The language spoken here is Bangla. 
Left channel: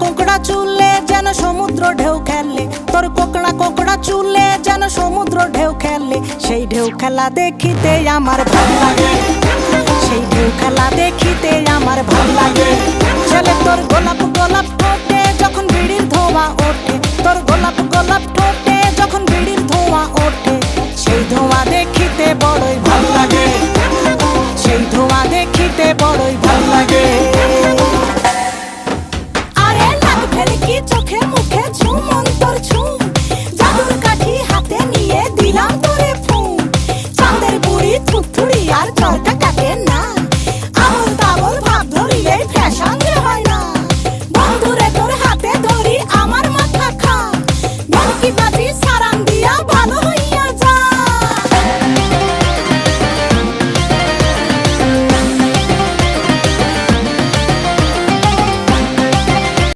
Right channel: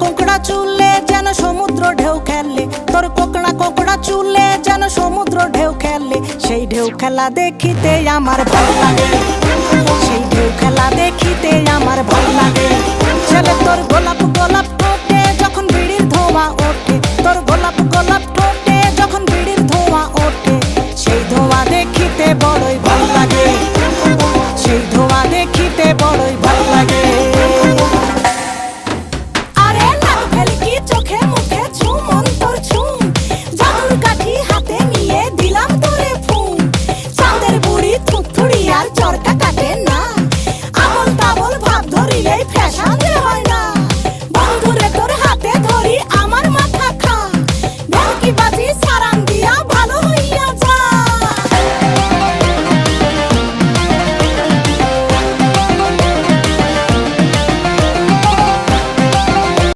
কোঁকড়া চুলে যেন সমুদ্র ঢেউ খেলে, তোর কোঁকড়া কোঁকড়া চুলে যেন সমুদ্র ঢেউ খেলে। সেই ঢেউ খেলা দেখিতে আমার ভাল লাগে, সেই ঢেউ খেলা দেখিতে আমার ভাল লাগে। ছেলে তোর গোলাপ গোলাপ